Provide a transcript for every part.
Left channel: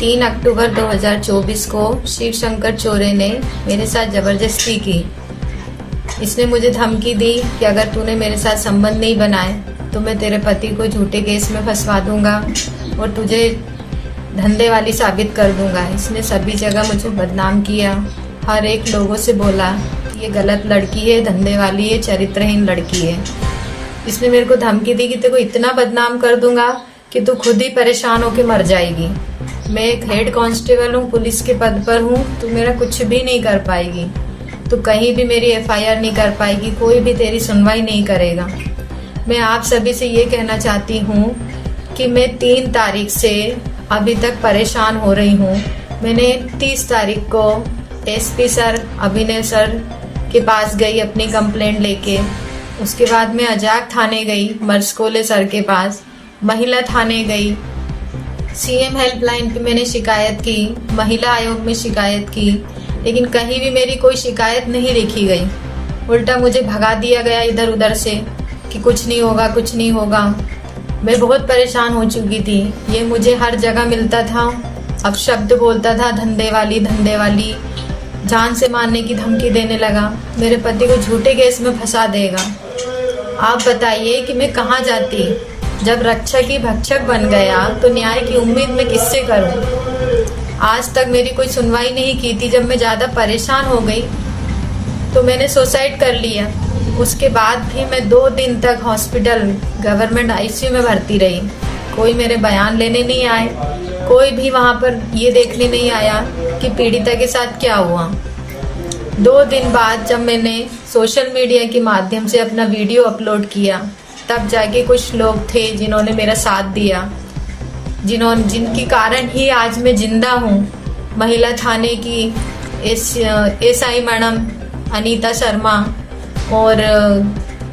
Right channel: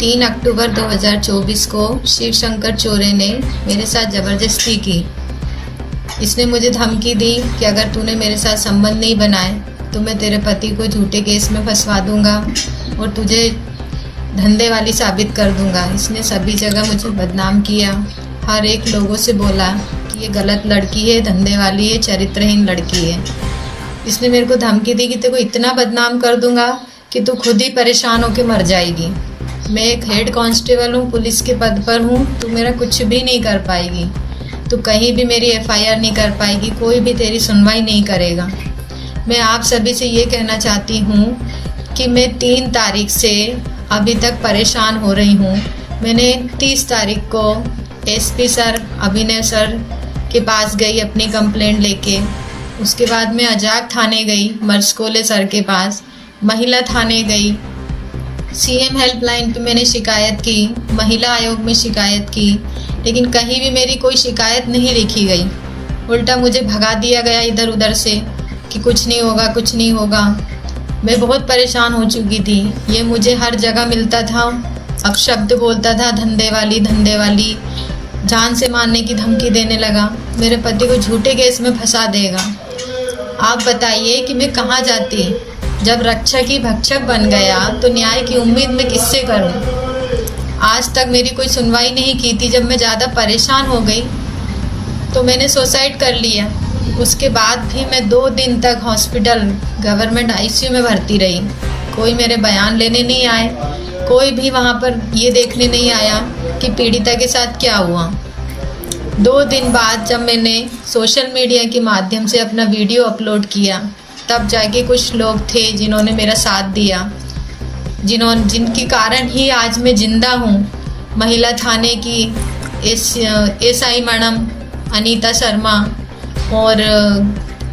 3 अक्टूबर 2024 को शिव शंकर चोरे ने मेरे साथ ज़बरदस्ती की। इसने मुझे धमकी दी कि अगर तूने मेरे साथ संबंध नहीं बनाए तो मैं तेरे पति को झूठे केस में फंसवा दूंगा और तुझे धंधे वाली साबित कर दूंगा। इसने सभी जगह मुझे बदनाम किया, हर एक लोगों से बोला कि ये गलत लड़की है, धंधे वाली है, चरित्रहीन लड़की है। इसने मेरे को धमकी दी कि तेरे को इतना बदनाम कर दूंगा कि तू खुद ही परेशान होकर मर जाएगी। मैं एक हेड कांस्टेबल हूँ, पुलिस के पद पर हूँ, तू मेरा कुछ भी नहीं कर पाएगी, तू कहीं भी मेरी एफआईआर नहीं कर पाएगी, कोई भी तेरी सुनवाई नहीं करेगा। मैं आप सभी से ये कहना चाहती हूँ कि मैं 3 तारीख से अभी तक परेशान हो रही हूँ। मैंने 30 तारीख को एसपी सर, अभिनय सर के पास गई अपनी कंप्लेंट लेके। उसके बाद मैं अजाक थाने गई, मर्सकोले सर के पास, महिला थाने गई, सीएम हेल्पलाइन पे मैंने शिकायत की, महिला आयोग में शिकायत की, लेकिन कहीं भी मेरी कोई शिकायत नहीं लिखी गई। उल्टा मुझे भगा दिया गया इधर उधर से कि कुछ नहीं होगा, कुछ नहीं होगा। मैं बहुत परेशान हो चुकी थी। ये मुझे हर जगह मिलता था, अब शब्द बोलता था धंधे वाली, धंधे वाली, जान से मारने की धमकी देने लगा, मेरे पति को झूठे केस में फंसा देगा। आप बताइए कि मैं कहाँ जाती? जब रक्षक ही भक्षक बन गया तो न्याय की उम्मीद मैं किससे करूं? आज तक मेरी कोई सुनवाई नहीं की थी। जब मैं ज़्यादा परेशान हो गई तो मैंने सुसाइड कर लिया। उसके बाद भी मैं 2 दिन तक हॉस्पिटल गवर्नमेंट आईसीयू में भर्ती रही। कोई मेरे बयान लेने नहीं आए, कोई भी वहाँ पर ये देखने नहीं आया कि पीड़िता के साथ क्या हुआ। 2 दिन बाद जब मैंने सोशल मीडिया के माध्यम से अपना वीडियो अपलोड किया, तब जाके कुछ लोग थे जिन्होंने मेरा साथ दिया, जिनकी कारण ही आज मैं जिंदा हूँ। महिला थाने की एसआई मैडम अनीता शर्मा और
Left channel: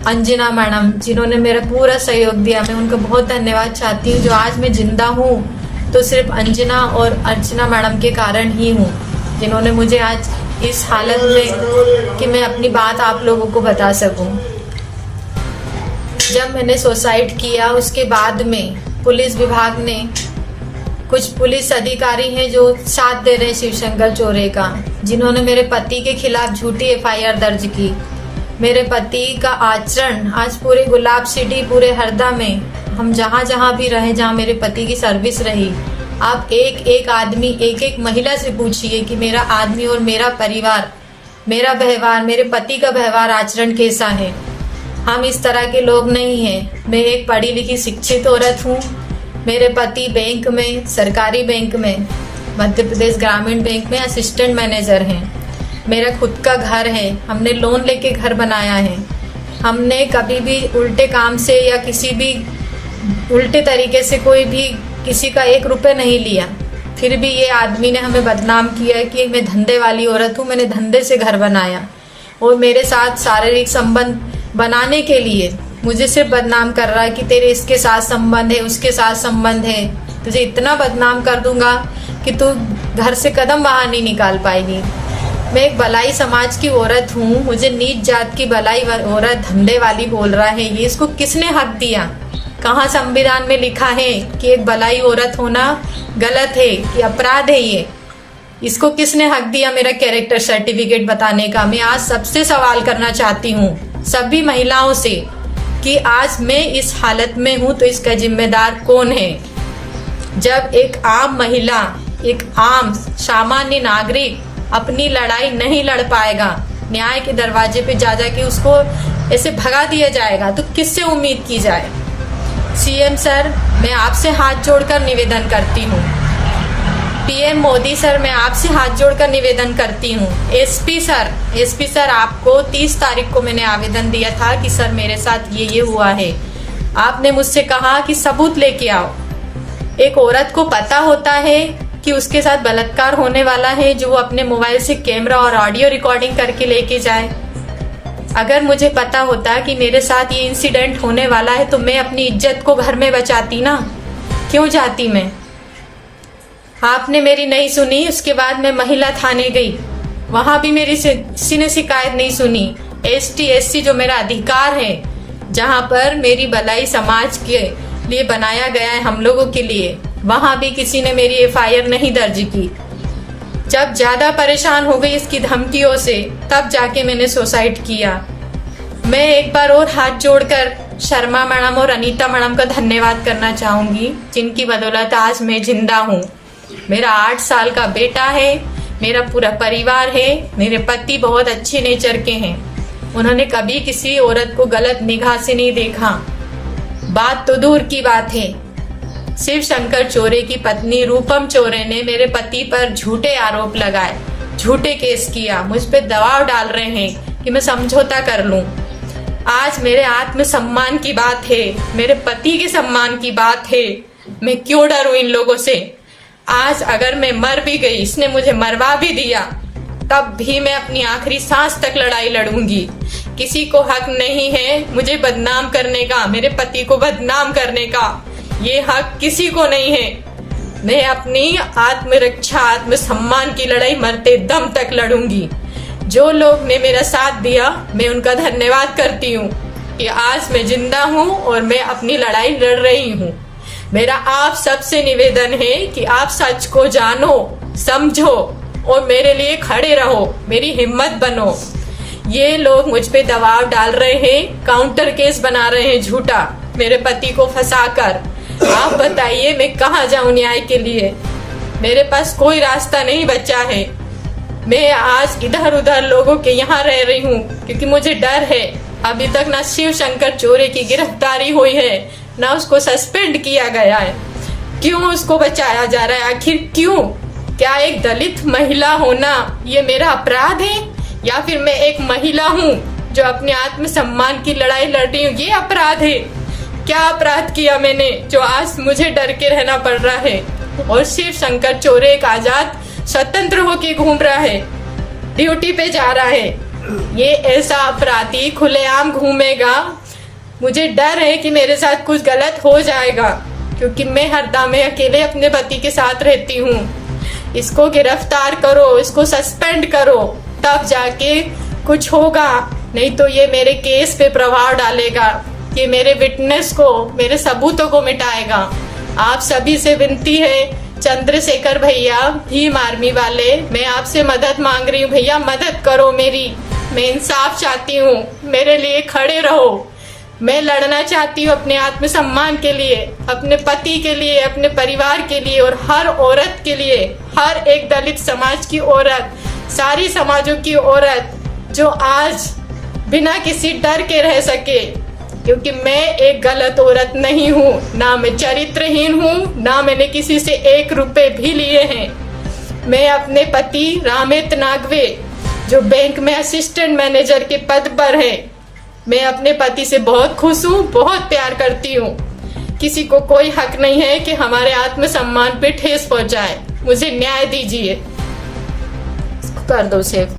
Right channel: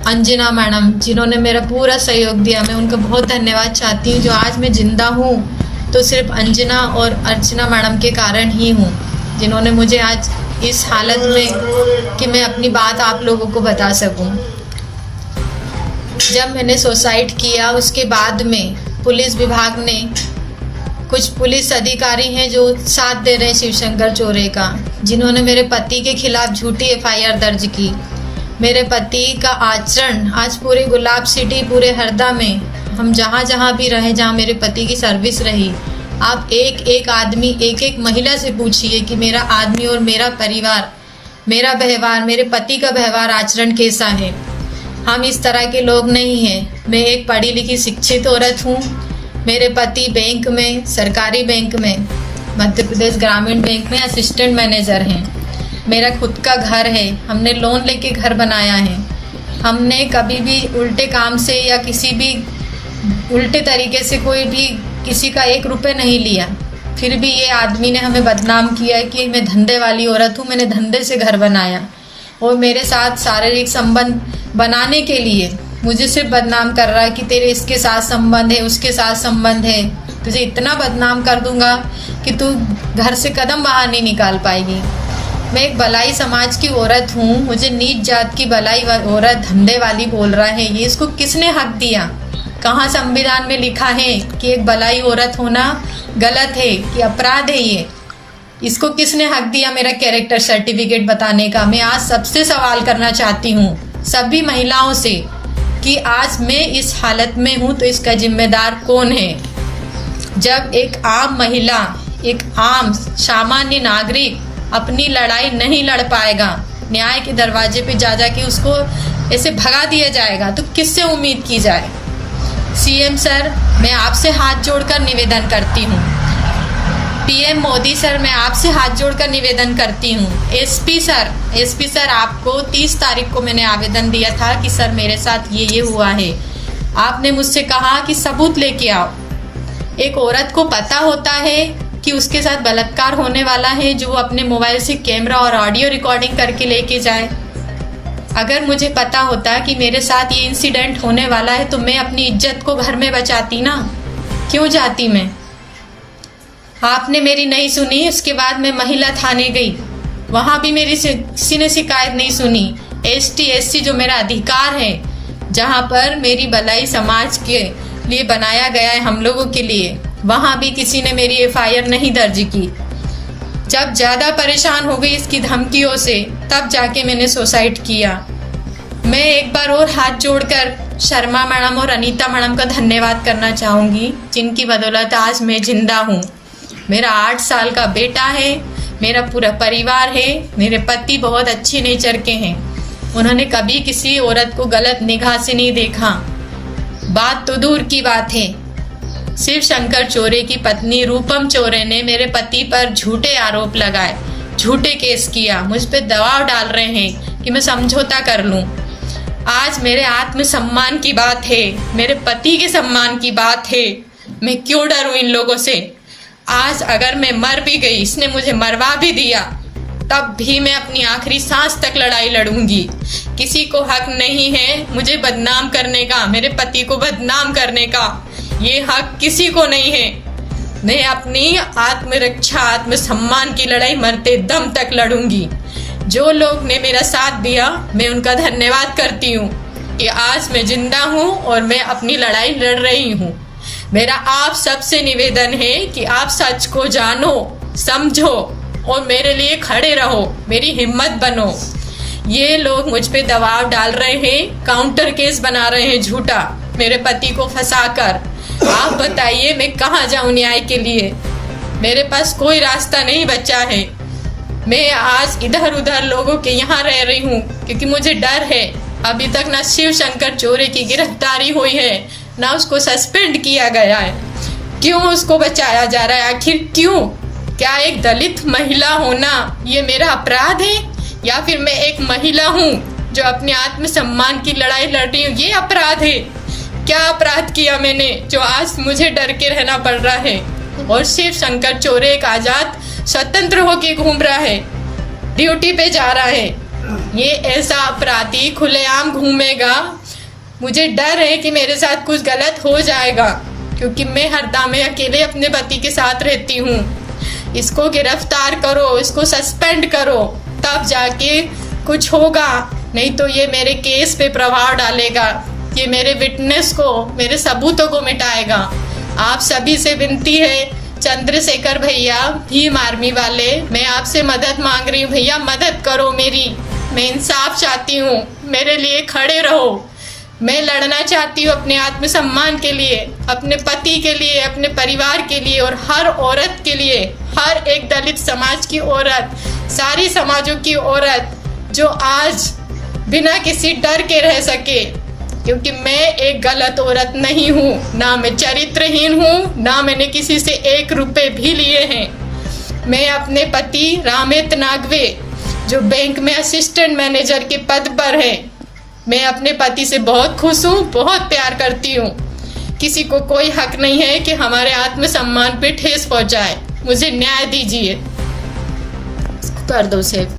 अंजना मैडम, जिन्होंने मेरा पूरा सहयोग दिया, मैं उनका बहुत धन्यवाद चाहती हूँ। जो आज मैं जिंदा हूँ तो सिर्फ अंजना और अर्चना मैडम के कारण ही हूँ, जिन्होंने मुझे आज इस हालत में कि मैं अपनी बात आप लोगों को बता सकूँ। जब मैंने सुसाइड किया उसके बाद में पुलिस विभाग ने, कुछ पुलिस अधिकारी हैं जो साथ दे रहे शिवशंकर चोरे का, जिन्होंने मेरे पति के खिलाफ झूठी एफआईआर दर्ज की। मेरे पति का आचरण आज पूरे गुलाब सिटी, पूरे हरदा में, हम जहाँ जहाँ भी रहे, जहाँ मेरे पति की सर्विस रही, आप एक एक आदमी, एक एक महिला से पूछिए कि मेरा आदमी और मेरा परिवार, मेरा व्यवहार, मेरे पति का व्यवहार आचरण कैसा है। हम इस तरह के लोग नहीं हैं। मैं एक पढ़ी लिखी शिक्षित औरत हूँ। मेरे पति बैंक में, सरकारी बैंक में, मध्य प्रदेश ग्रामीण बैंक में असिस्टेंट मैनेजर हैं। मेरा खुद का घर है, हमने लोन लेके घर बनाया है। हमने कभी भी उल्टे काम से या किसी भी उल्टे तरीके से कोई भी किसी का 1 रुपये नहीं लिया। फिर भी ये आदमी ने हमें बदनाम किया कि मैं धंधे वाली औरत हूँ, मैंने धंधे से घर बनाया, और मेरे साथ शारीरिक संबंध बनाने के लिए मुझे सिर्फ बदनाम कर रहा है कि तेरे इसके साथ संबंध है, उसके साथ संबंध है, तुझे इतना बदनाम कर दूंगा कि तू घर से कदम बाहर नहीं निकाल पाएगी। मैं एक भलाई समाज की औरत हूँ, मुझे नीच जात की भलाई औरत धंधे वाली बोल रहा है। ये इसको किसने हक दिया? कहाँ संविधान में लिखा है कि एक भलाई औरत होना गलत है, ये अपराध है? ये इसको किसने हक दिया मेरा कैरेक्टर सर्टिफिकेट बताने का? मैं आज सबसे सवाल करना चाहती हूँ, सभी महिलाओं से, कि आज मैं इस हालत में हूँ तो इसका जिम्मेदार कौन है? जब एक आम महिला, एक आम सामान्य नागरिक अपनी लड़ाई नहीं लड़ पाएगा, न्याय के दरवाजे पे जा जाके उसको ऐसे भगा दिया जाएगा, तो किससे उम्मीद की जाए? सीएम सर, मैं आपसे हाथ जोड़कर निवेदन करती हूँ। पीएम मोदी सर, मैं आपसे हाथ जोड़कर निवेदन करती हूँ। एसपी सर, आपको 30 तारीख को मैंने आवेदन दिया था कि सर मेरे साथ ये हुआ है। आपने मुझसे कहा कि सबूत लेके आओ। एक औरत को पता होता है कि उसके साथ बलात्कार होने वाला है, जो वो अपने मोबाइल से कैमरा और ऑडियो रिकॉर्डिंग करके लेके जाए। अगर मुझे पता होता कि मेरे साथ ये इंसिडेंट होने वाला है तो मैं अपनी इज्जत को घर में बचाती ना, क्यों जाती मैं? आपने मेरी नहीं सुनी। उसके बाद मैं महिला थाने गई, वहां भी मेरी किसी ने शिकायत नहीं सुनी। एसटी एससी जो मेरा अधिकार है, जहां पर मेरी भलाई समाज के लिए बनाया गया है, हम लोगों के लिए, वहां भी किसी ने मेरी एफआईआर नहीं दर्ज की। जब ज्यादा परेशान हो गई इसकी धमकियों से, तब जाके मैंने सुसाइड किया। मैं एक बार और हाथ जोड़कर शर्मा मैडम और अनीता मैडम का धन्यवाद करना चाहूंगी, जिनकी बदौलत आज मैं जिंदा हूँ। मेरा 8 साल का बेटा है, मेरा पूरा परिवार है। मेरे पति बहुत अच्छे नेचर के हैं, उन्होंने कभी किसी औरत को गलत निगाह से नहीं देखा। बात तो दूर की बात है, शिव शंकर चौरे की पत्नी रूपम चौरे ने मेरे पति पर झूठे आरोप लगाए, झूठे केस किया, मुझ पे दबाव डाल रहे हैं कि मैं समझौता कर लूं। आज मेरे आत्मसम्मान की बात है, मेरे पति के सम्मान की बात है। मैं क्यों डरूं इन लोगों से? आज अगर मैं मर भी गई, इसने मुझे मरवा भी दिया, तब भी मैं अपनी आखिरी सांस तक लड़ाई लड़ूंगी। किसी को हक नहीं है मुझे बदनाम करने का, मेरे पति को बदनाम करने का। ये हक किसी को नहीं है। मैं अपनी आत्मरक्षा, आत्मसम्मान की लड़ाई मरते दम तक लड़ूंगी। जो लोग ने मेरा साथ दिया, मैं उनका धन्यवाद करती हूँ कि आज मैं जिंदा हूँ और मैं अपनी लड़ाई लड़ रही हूँ। मेरा आप सबसे निवेदन है कि आप सच को जानो, समझो और मेरे लिए खड़े रहो, मेरी हिम्मत बनो। ये लोग मुझ पे दबाव डाल रहे हैं, काउंटर केस बना रहे हैं झूठा, मेरे पति को फंसाकर। आप बताइए मैं कहाँ जाऊं न्याय के लिए? मेरे पास कोई रास्ता नहीं बचा है। मैं आज इधर उधर लोगों के यहाँ रह रही हूँ क्योंकि मुझे डर है। अभी तक ना शिव शंकर चौरे की गिरफ्तारी हुई है, ना उसको सस्पेंड किया गया है। क्यों उसको बचाया जा रहा है? आखिर क्यों? क्या एक दलित महिला होना ये मेरा अपराध है, या फिर मैं एक महिला हूँ जो अपने आत्मसम्मान की लड़ाई लड़ रही हूँ, ये अपराध है? क्या अपराध किया मैंने जो आज मुझे डर के रहना पड़ रहा है? और शिव शंकर चौरे एक आजाद स्वतंत्र होके घूम रहा है, ड्यूटी पे जा रहा है। ये ऐसा अपराधी खुलेआम घूमेगा, मुझे डर है कि मेरे साथ कुछ गलत हो जाएगा, क्योंकि मैं हरदम में अकेले अपने पति के साथ रहती हूँ। इसको गिरफ्तार करो, इसको सस्पेंड करो, तब जाके कुछ होगा, नहीं तो ये मेरे केस पे प्रभाव डालेगा, ये मेरे विटनेस को, मेरे सबूतों को मिटाएगा। आप सभी से विनती है, चंद्रशेखर भैया, भीम आर्मी वाले, मैं आपसे मदद मांग रही हूँ भैया, मदद करो मेरी। मैं इंसाफ चाहती हूँ, मेरे लिए खड़े रहो। मैं लड़ना चाहती हूँ अपने आत्मसम्मान के लिए, अपने पति के लिए, अपने परिवार के लिए और हर औरत के लिए, हर एक दलित समाज की औरत, सारी समाजों की औरत जो आज बिना किसी डर के रह सके, क्योंकि मैं एक गलत औरत नहीं हूँ, ना मैं चरित्रहीन हूँ, ना मैंने किसी से 1 रुपए भी लिए हैं। मैं अपने पति रामेत नागवे, जो बैंक में असिस्टेंट मैनेजर के पद पर है, मैं अपने पति से बहुत खुश हूँ, बहुत प्यार करती हूँ। किसी को कोई हक नहीं है कि हमारे आत्मसम्मान पे ठेस पहुंचाए। मुझे न्याय दीजिए। कर दो सेव।